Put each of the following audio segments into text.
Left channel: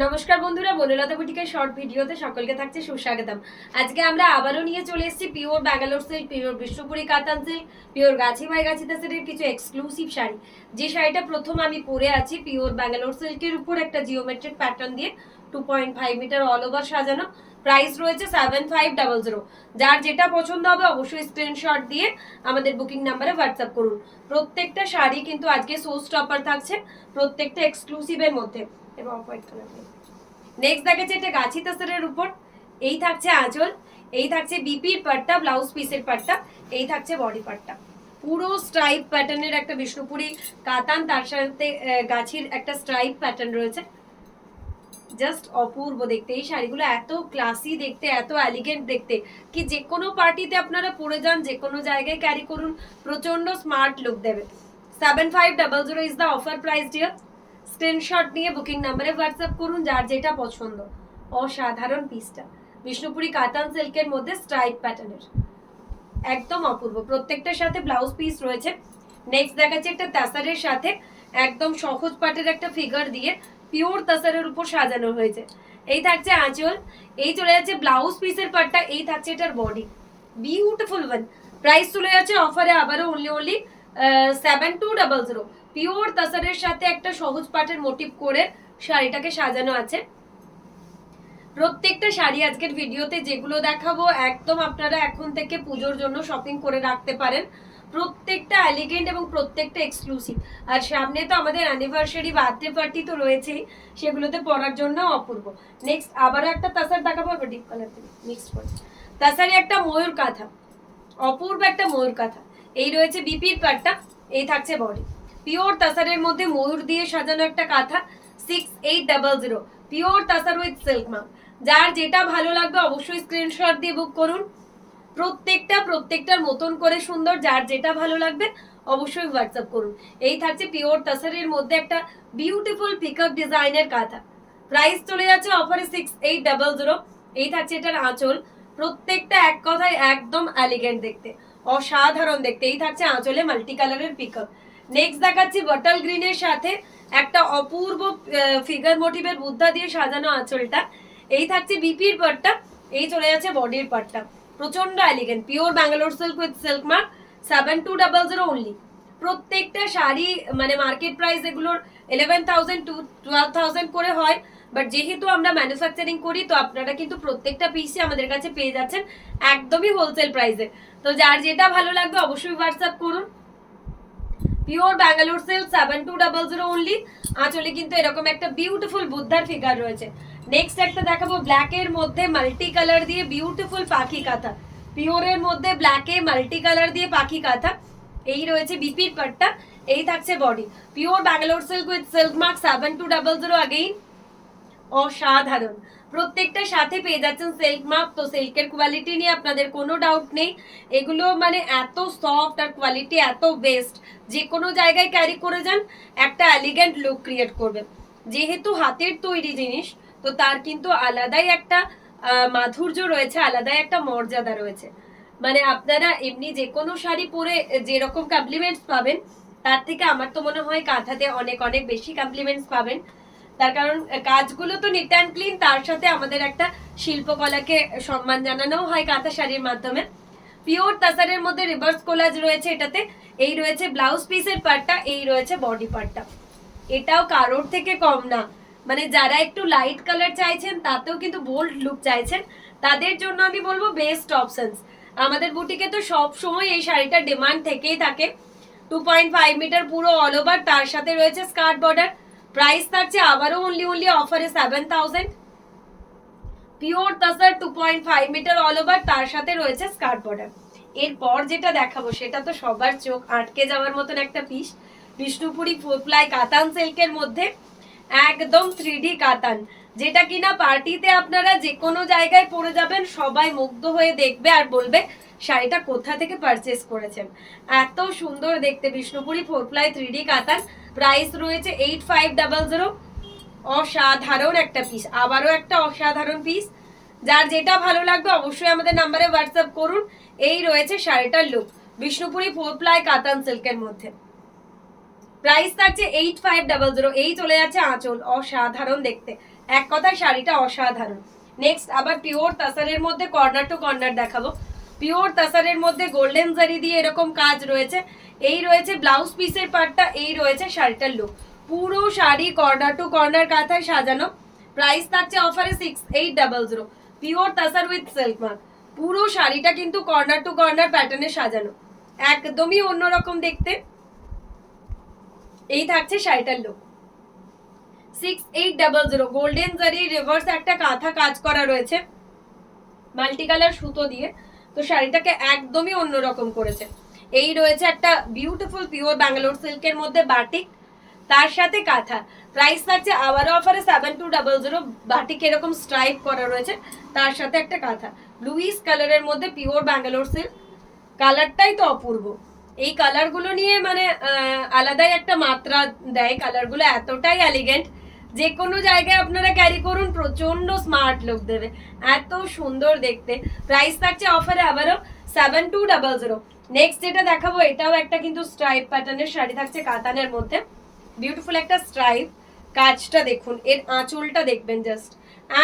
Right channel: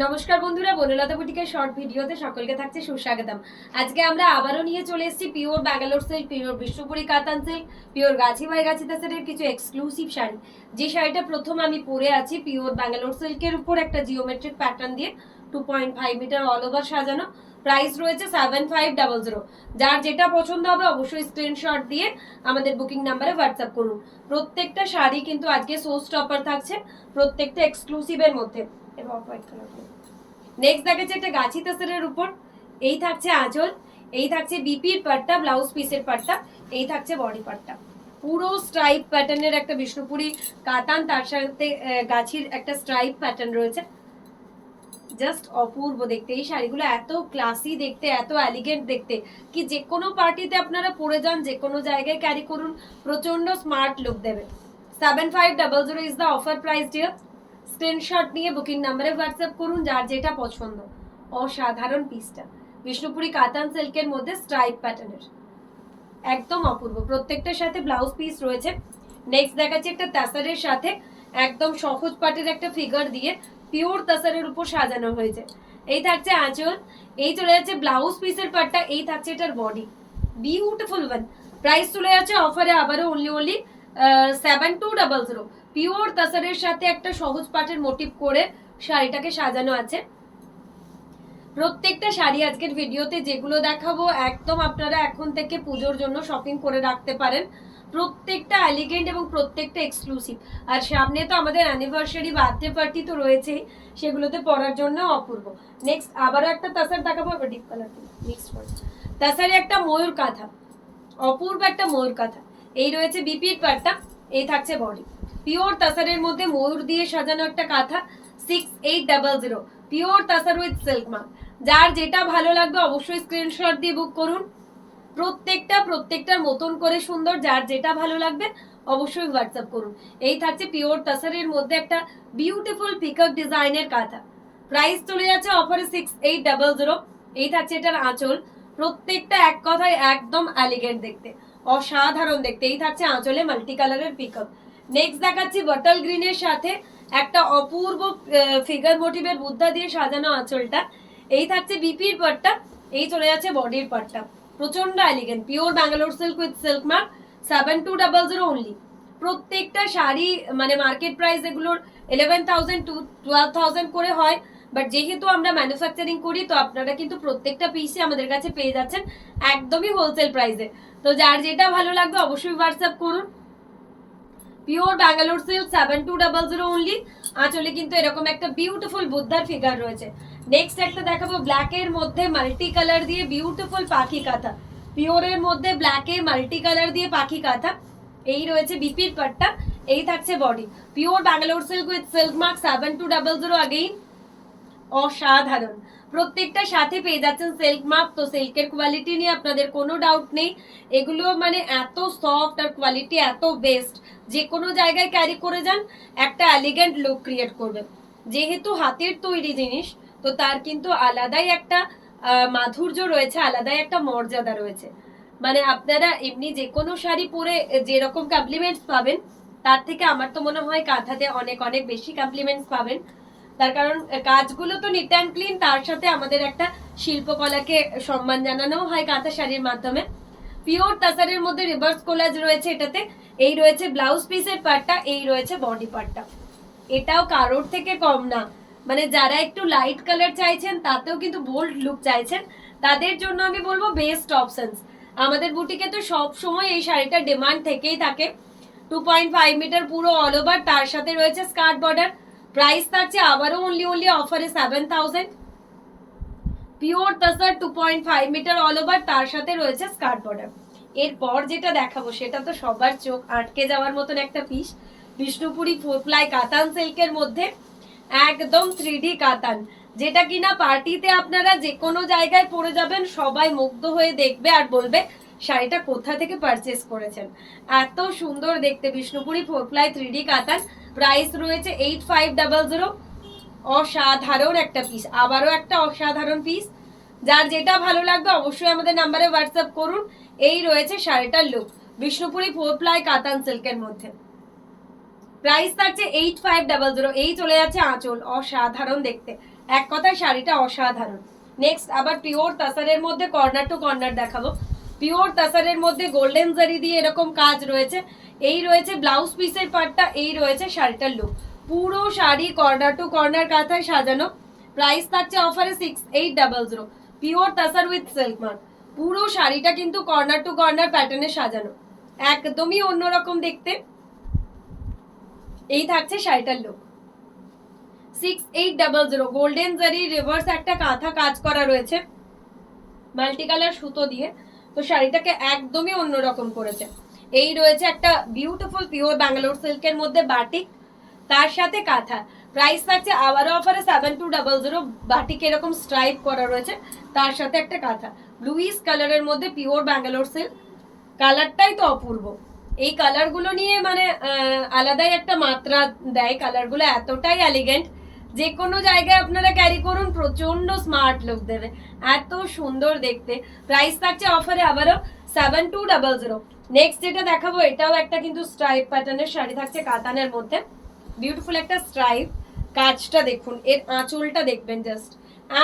নমস্কার বন্ধুরা, বনলতা বুটিকের শর্ট ভিডিওতে সকলকে থাকছে সুস্বাগতম। আজকে আমরা আবারও নিয়ে চলে এসেছি pure Bangalore silk, pure Bishnupuri কাতান সিল্ক, পিওর গাছি ভাই গাছি তাসের কিছু এক্সক্লুসিভ শাড়ি। যে শাড়িটা প্রথম আমি পরে আছি পিওর ব্যাঙ্গালোর সিল্কের উপর একটা জিওমেট্রিক প্যাটার্ন দিয়ে 2.5 মিটার অল ওভার সাজানো। প্রাইস রয়েছে 7500। যার যেটা পছন্দ হবে অবশ্যই স্ক্রিনশট দিয়ে আমাদের বুকিং নাম্বারে হোয়াটসঅ্যাপ করুন। প্রত্যেকটা শাড়ি কিন্তু আজকে শো স্টপার থাকছে, প্রত্যেকটা এক্সক্লুসিভের মধ্যে। এবং হোয়াইট কালার নেক্সট দেখাচ্ছে একটা গাছি তাসরের উপর। এই থাকছে আঁচল, এই থাকছে বিপির পাট্টা, ব্লাউজ পিসের পাট্টা, এই থাকছে বডি পাট্টা। পুরো স্ট্রাইপ প্যাটার্নের একটা বিষ্ণুপুরি কাতান, তার সাথে গাছির একটা স্ট্রাইপ প্যাটার্ন রয়েছে। জাস্ট অপূর্ব দেখতে এই শাড়িগুলো, এত ক্লাসি দেখতে, এত এলিগেন্ট দেখতে, কি যে কোনো পার্টিতে আপনারা পরে যান, যে কোনো জায়গায় ক্যারি করুন, প্রচন্ড স্মার্ট লুক দেবে। 7500 is the offer price dear. Screenshot নিয়ে বুকিং নাম্বারে হোয়াটসঅ্যাপ করুন যার যেটা পছন্দ। অসাধারণ পিসটা বিষ্ণুপুরি কাতান সিল্কের মধ্যে স্ট্রাইপ প্যাটার্নের, একদম অপূর্ব। প্রত্যেকটার সাথে ব্লাউজ পিস রয়েছে। নেক্সট দেখাচ্ছি একটা তাসারের সাথে একদম সহজ পাটের একটা ফিগার দিয়ে পিওর তাসারের উপর সাজানো হয়েছে। এই থাকছে আঁচল, এই চলে যাচ্ছে ব্লাউজ পিসের পাটটা, এই থাকছে এটার বডি। Beautiful one. প্রাইস চলে যাচ্ছে অফারে আবারও অনলি 7200। পিওর তাসারের সাথে একটা সহজ পাটের মোটিভ করে শাড়িটাকে সাজানো আছে। প্রত্যেকটা শাড়ি আজকের ভিডিওতে যেগুলো দেখাবো একদম আপনারা এখন থেকে পুজোর জন্য শপিং করে রাখতে পারেন। প্রত্যেকটা এলিগেন্ট এবং প্রত্যেকটা এক্সক্লুসিভ। আর সামনে তো আমাদের অ্যানিভার্সারি, বার্থডে পার্টি তো রয়েছেই, সেগুলোতে পরার জন্য অপূর্ব। নেক্সট আবারও একটা তাসার দেখাবো, ডিপ কালার মিক্সড করে। তাসারে একটা ময়ূর কাঁথা, অপূর্ব একটা ময়ূর কাঁথা। এই রয়েছে বিপির পাটটা, এই থাকছে বডি। পিওর তাসারের মধ্যে ময়ূর দিয়ে সাজানো একটা কাঁথা। 6800 পিওর তাসার উইথ সিল্ক মার্ক। যার যেটা ভালো লাগবে অবশ্যই স্ক্রিনশট দিয়ে বুক করুন। প্রত্যেকটার মতন করে সুন্দর, যার যেটা ভালো লাগবে অবশ্যই হোয়াটসঅ্যাপ করুন। এই থাকছে পিওর তাসারের মধ্যে একটা বিউটিফুল পিকআপ ডিজাইনের কাঁথা। প্রাইস চলে যাচ্ছে অফারে 6800। এই থাকছে এটার আঁচল। প্রত্যেকটা এক কথায় একদম এলিগেন্ট দেখতে, অসাধারণ দেখতে। এই থাকছে আঁচলে মাল্টি কালারের পিকআপ। নেক্সট দেখাচ্ছি বটল গ্রিনের সাথে একটা অপূর্ব ফিগার মোটিভের বুদ্ধা দিয়ে সাজানো আঁচলটা। এই থাকছে বিপির পাটটা, এই চলে যাচ্ছে বডির পাটটা। প্রচন্ড elegant pure Bangalore silk with silk mark. 7200 only. প্রত্যেকটা শাড়ি মানে মার্কেট প্রাইস এগুলোর 11,000 to 12,000 করে হয়, বাট যেহেতু আমরা ম্যানুফ্যাকচারিং করি তো আপনারা কিন্তু প্রত্যেকটা পিসই আমাদের কাছে পেয়ে যাচ্ছেন একদমই হোলসেল প্রাইসে। তো যার যেটা ভালো লাগবে অবশ্যই হোয়াটসঅ্যাপ করুন। Pure Bangalore silk 7200 only. আঁচলে কিন্তু এরকম একটা বিউটিফুল বুদ্ধার ফিগার রয়েছে। নেক্সট একটা দেখাবো ব্ল্যাকের মধ্যে মাল্টি কালার দিয়ে বিউটিফুল পাখি কাঁথা। পিওরের মধ্যে ব্ল্যাকে মাল্টি কালার দিয়ে পাখি কাঁথা। এই রয়েছে বিপির পাটটা, এই থাকছে body. Pure Bangalore silk with silk mark 7200 again. অসাধারণ। প্রত্যেকটা সাথে পেয়ে যাচ্ছেন সিল্ক মার্ক। তো সিল্কের কোয়ালিটি নিয়ে আপনাদের কোনো ডাউট নেই, এগুলো মানে এত সফট আর কোয়ালিটি এত বেস্ট, যে কোনো জায়গায় ক্যারি করে যান একটা এলিগেন্ট লুক ক্রিয়েট করবে। যেহেতু হাতের তৈরি জিনিস তো তার কিন্তু আলাদাই একটা মাধুর্য রয়েছে, আলাদাই একটা মর্যাদা রয়েছে। মানে আপনারা এমনি যে কোনো শাড়ি পরে যেরকম কমপ্লিমেন্টস পাবেন, তার থেকে আমার তো মনে হয় কাঁথাতে অনেক অনেক বেশি কমপ্লিমেন্টস পাবেন। তার কারণ কাজগুলো তো নিট অ্যান্ড ক্লিন, তার সাথে আমাদের একটা শিল্পকলাকে সম্মান জানানো হয় কাঁথা শাড়ির মাধ্যমে। পিওর তাসারের মধ্যে রিভার্স কোলাজ রয়েছে এটাতে। এই রয়েছে ব্লাউজ পিসের পার্টটা, এই রয়েছে বডি পার্টটা। এটাও কারোর থেকে কম না। মানে যারা একটু লাইট কালার চাইছেন, তাতেও কিন্তু বোল্ড লুক চাইছেন, তাদের জন্য আমি বলবো বেস্ট অপশনস। আমাদের বুটিকে তো সব সময় এই শাড়িটার ডিমান্ড থেকেই থাকে। 2.5 মিটার পুরো অল ওভার, তার সাথে রয়েছে স্কার্ট বর্ডার। প্রাইস থাকছে আবারও অনলি অফারে 7000। পিওর তাসার 2.5 মিটার অল ওভার, তার সাথে রয়েছে স্কার্ট বর্ডার। এরপর যেটা দেখাবো সেটা তো সবার চোখ আটকে যাওয়ার মতন একটা পিস, বিষ্ণুপুরি 4 প্লাই কাতান সিল্কের মধ্যে একদম 3D কাতান, যেটা কিনা পার্টিতে আপনারা যে কোনো জায়গায় পরে যাবেন, সবাই মুগ্ধ হয়ে দেখবে আর বলবে শাড়িটা কোথা থেকে পারচেস করেছেন। এত সুন্দর দেখতে বিষ্ণুপুরি 4 প্লাই 3D কাতান। প্রাইস রয়েছে 8500। অসাধারণ একটা পিস, আবারও একটা অসাধারণ পিস। যার যেটা ভালো লাগবে অবশ্যই আমাদের নাম্বারে হোয়াটসঅ্যাপ করুন। এই রয়েছে শাড়িটার লুক বিষ্ণুপুরি 4 প্লাই কাতান সিল্কের মধ্যে। প্রাইস থাকছে 8500। এই চলে যাচ্ছে আঁচল, অসাধারণ দেখতে। এক কথায় শাড়িটা অসাধারণ। নেক্সট আবার পিওর তাসারের মধ্যে কর্নার টু কর্নার দেখাবো। পিওর তাসারের মধ্যে গোল্ডেন জারি দিয়ে এরকম কাজ রয়েছে। এই রয়েছে ব্লাউজ পিসের পার্টটা, এই রয়েছে শাড়িটার লুক। পুরো শাড়ি কর্নার টু কর্নার কাঁথায় সাজানো। প্রাইস থাকছে অফারে 6800। Pure তাসার with silk mark. পুরো শাড়িটা কিন্তু কর্নার টু কর্নার প্যাটার্নে সাজানো, একদমই অন্যরকম দেখতে। এই থাকছে শাড়িটার লুক। 6800। গোল্ডেন জারি রিভার্স একটা কাঁথা কাজ করা রয়েছে মাল্টি কালার সুতো দিয়ে, তো শাড়িটাকে একদমই অন্যরকম করেছে। এই রয়েছে একটা বিউটিফুল পিওর ব্যাঙ্গালোর সিল্কের মধ্যে বাটিক, তার সাথে কাঁথা। প্রাইস থাকছে আবারও অফারে 7200। বাটিক এরকম স্ট্রাইপ করা রয়েছে, তার সাথে একটা কাঁথা। লুইস কালারের মধ্যে পিওর ব্যাঙ্গালোর সিল্ক, কালারটাই তো অপূর্ব। এই কালারগুলো নিয়ে মানে আলাদাই একটা মাত্রা দেয়, কালারগুলো এতটাই এলিগেন্ট, যে কোনো জায়গায় আপনারা ক্যারি করুন প্রচন্ড স্মার্ট লুক দেবে, এত সুন্দর দেখতে। প্রাইস থাকছে অফারে আবারও 7200। নেক্সট যেটা দেখাবো এটাও একটা কিন্তু স্ট্রাইপ প্যাটার্নের শাড়ি থাকছে কাতানের মধ্যে। বিউটিফুল একটা স্ট্রাইপ, কাজটা দেখুন, এর আঁচলটা দেখবেন জাস্ট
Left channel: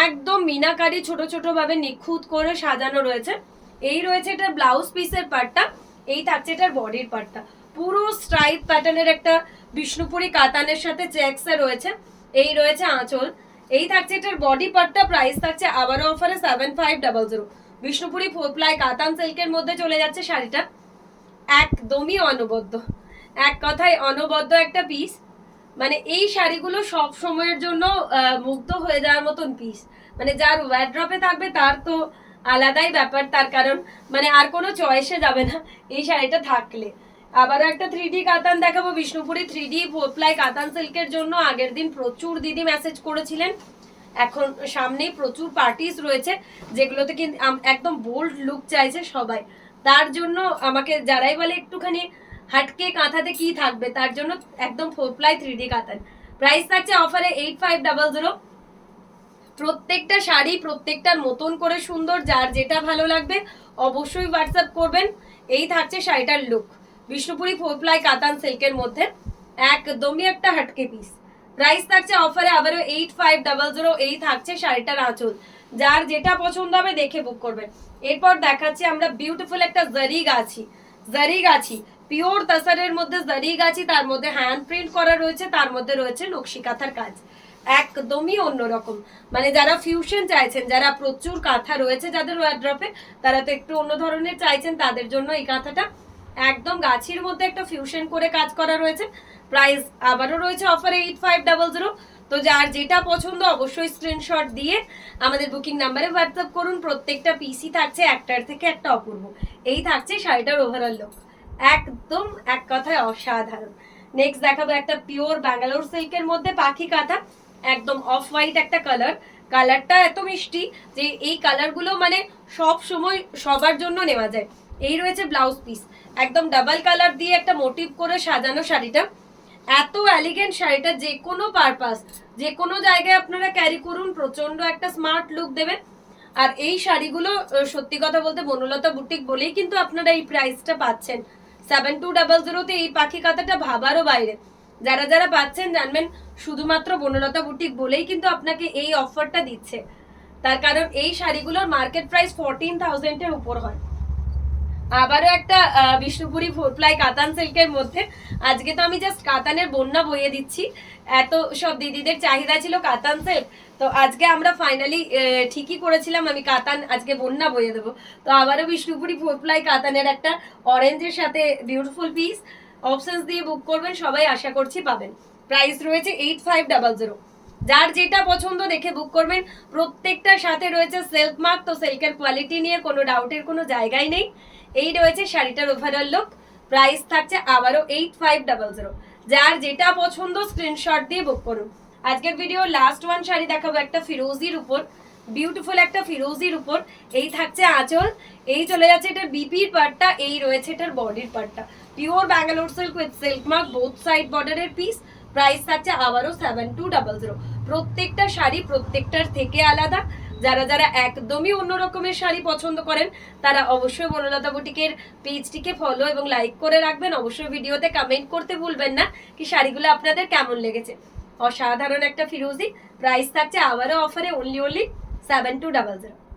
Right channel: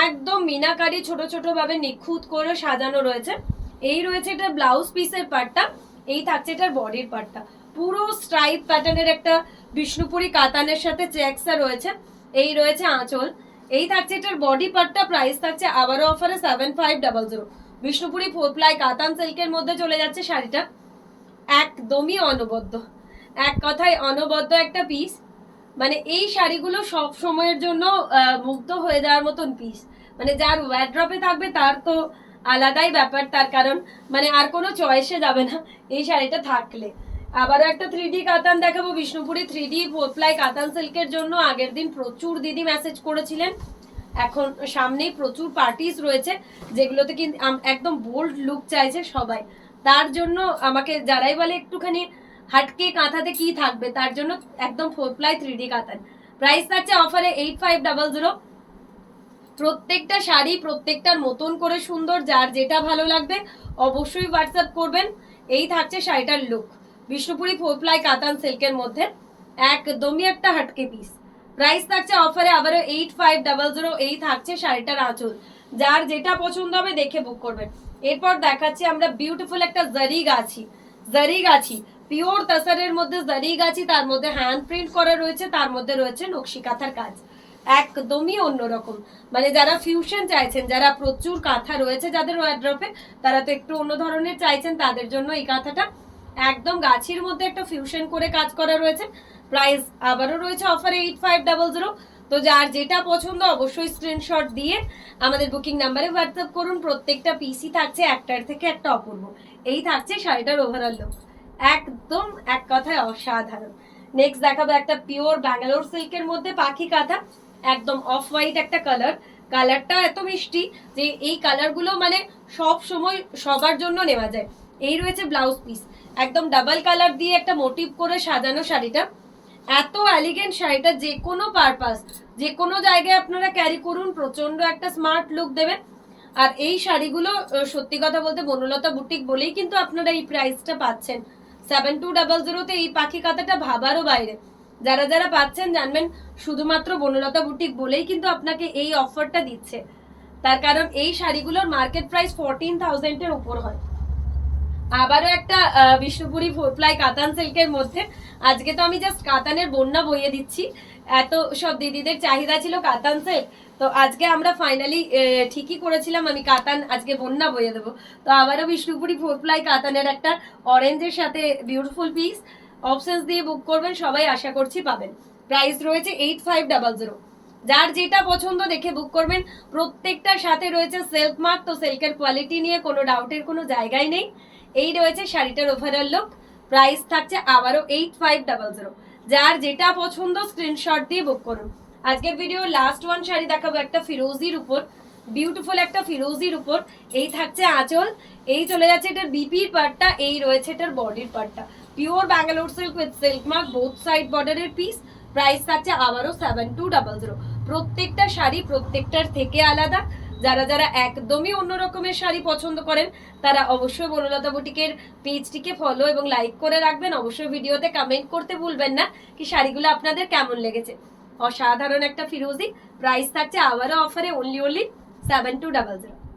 একদম মিনাকারি ছোট ছোট ভাবে নিখুঁত করে সাজানো রয়েছে। এই রয়েছে এটার ব্লাউজ পিসের পার্টটা, এই থাকছে এটার বডির পার্টটা। পুরো স্ট্রাইপ প্যাটার্নের একটা বিষ্ণুপুরি কাতানের সাথে চেকসা রয়েছে। এই রয়েছে আঁচল, এই থাকছে এটার বডি পার্টটা। প্রাইস থাকছে আবারও অফারে 7500। বিষ্ণুপুরি 4 প্লাই কাতান সিল্কের মধ্যে চলে যাচ্ছে শাড়িটা, একদমই অনবদ্য, এক কথায় অনবদ্য একটা পিস। মানে এই শাড়িগুলো সব সময়ের জন্য মুগ্ধ হয়ে যাওয়ার মতন পিস। মানে যার ওয়ার্ড্রপে থাকবে তার তো আলাদাই ব্যাপার, তার কারণ মানে আর কোনো চয়েসে যাবে না এই শাড়িটা থাকলে। আবারও একটা 3D কাতান দেখাবো, বিষ্ণুপুরি 3D 4 প্লাই কাতান সিল্কের জন্য আগের দিন প্রচুর দিদি মেসেজ করেছিলেন। এখন সামনেই প্রচুর পার্টিস রয়েছে যেগুলোতে কিন্তু একদম বোল্ড লুক চাইছে সবাই, তার জন্য আমাকে যারাই বলে একটুখানি হাটকে কাঁথাতে কি থাকবে, তার জন্য একদম 4 প্লাই 3D কাতান। প্রাইস থাকছে অফারে 8500। প্রত্যেকটা শাড়ি প্রত্যেকটার মতন করে সুন্দর, যার যেটা ভালো লাগবে অবশ্যই হোয়াটসঅ্যাপ করবেন। এই থাকছে শাড়িটার লুক, বিষ্ণুপুরি 4 প্লাই কাতান সিল্কের মধ্যে, একদমই একটা হাটকে পিস। প্রাইস থাকছে অফারে আবারও 8500। এই থাকছে শাড়িটার আঁচল, যার যেটা পছন্দ হবে দেখে বুক করবেন। এরপর দেখাচ্ছি আমরা বিউটিফুল একটা জারি গাছি, জারি গাছি পিওর তাসারের মধ্যে জারি গাছি, তার মধ্যে হ্যান্ড প্রিন্ট করা রয়েছে, তার মধ্যে রয়েছে নকশি কাঁথার কাজ, একদমই অন্যরকম। মানে যারা ফিউশন চাইছেন, যারা প্রচুর কাঁথা রয়েছে যাদের ওয়ার্ড্রপে, তারা তো একটু অন্য ধরনের চাইছেন, তাদের জন্য এই কাঁথাটা একদম গাছির মধ্যে একটা ফিউশন করে কাজ করা রয়েছে। প্রাইস আবারও রয়েছে অফারে 8500। তো যার যেটা পছন্দ অবশ্যই স্ক্রিনশট দিয়ে আমাদের বুকিং নাম্বারে হোয়াটসঅ্যাপ করুন। প্রত্যেকটা পিসি থাকছে একটার থেকে একটা অপূর্ব। এই থাকছে শাড়িটার ওভারঅল লুক, একদম এক কথায় অসাধারণ। নেক্সট দেখাবো একটা পিওর ব্যাঙ্গালোর সিল্কের মধ্যে পাখি কাঁথা, একদম অফ হোয়াইট একটা কালার, কালারটা এত মিষ্টি যে এই কালারগুলো মানে সব সময় সবার জন্য নেওয়া যায়। এই রয়েছে ব্লাউজ পিস, একদম ডাবল কালার দিয়ে একটা মোটিভ করে সাজানো শাড়িটা, এত এলিগেন্ট শাড়িটা, যে কোনো পারপাস যে কোনো জায়গায় আপনারা ক্যারি করুন প্রচন্ড একটা স্মার্ট লুক দেবেন। আর এই শাড়িগুলো সত্যি কথা বলতে বনলতা বুটিক বলেই কিন্তু আপনারা এই প্রাইসটা পাচ্ছেন। 7200 এই পাখি কাঁথাটা ভাবারও বাইরে। যারা যারা পাচ্ছেন জানবেন শুধুমাত্র বনলতা বুটিক বলেই কিন্তু আপনাকে এই অফারটা দিচ্ছে, তার কারণ এই শাড়িগুলোর মার্কেট প্রাইস 14,000-এর উপর হয়। আবারও একটা বিষ্ণুপুরি 4 প্লাই কাতান সিল্কের মধ্যে, আজকে তো আমি জাস্ট কাতানের বন্যা বইয়ে দিচ্ছি, এত সব দিদিদের চাহিদা ছিল কাতান সিল্ক, তো আজকে আমরা ফাইনালি ঠিকই করেছিলাম, আমি কাতান আজকে বন্যা বইয়ে দেবো। তো আবারও বিষ্ণুপুরি 4 প্লাই কাতানের একটা অরেঞ্জের সাথে বিউটিফুল পিস, অপশনস দিয়ে বুক করবেন, সবাই আশা করছি পাবেন। প্রাইস রয়েছে 8500। যার যেটা পছন্দ দেখে বুক করবেন। প্রত্যেকটার সাথে রয়েছে সিল্ক মার্ক, তো সিল্কের কোয়ালিটি নিয়ে কোনো ডাউটের কোনো জায়গাই নেই। এই রয়েছে শাড়িটার ওভারঅল লুক, প্রাইস থাকছে আবারও 8500। যার যেটা পছন্দ স্ক্রিনশট দিয়ে বুক করুন। আজকের ভিডিও লাস্ট ওয়ান শাড়ি দেখাবো একটা ফিরোজির উপর, বিউটিফুল একটা ফিরোজির উপর। এই থাকছে আঁচল, এই চলে যাচ্ছে এটার বিপির পার্টটা, এই রয়েছে এটার বডির পার্টটা। Pure Bangalore silk with silk mark, both side বর্ডারের পিস। প্রাইস থাকছে আবারও 7200। প্রত্যেকটা শাড়ি প্রত্যেকটার থেকে আলাদা। যারা যারা একদমই অন্য রকমের শাড়ি পছন্দ করেন তারা অবশ্যই বনলতা বুটিকের পেজটিকে ফলো এবং লাইক করে রাখবেন। অবশ্যই ভিডিওতে কমেন্ট করতে ভুলবেন না কি শাড়িগুলো আপনাদের কেমন লেগেছে। অসাধারণ একটা ফিরোজি, প্রাইস থাকছে আবারও অফারে অনলি 7200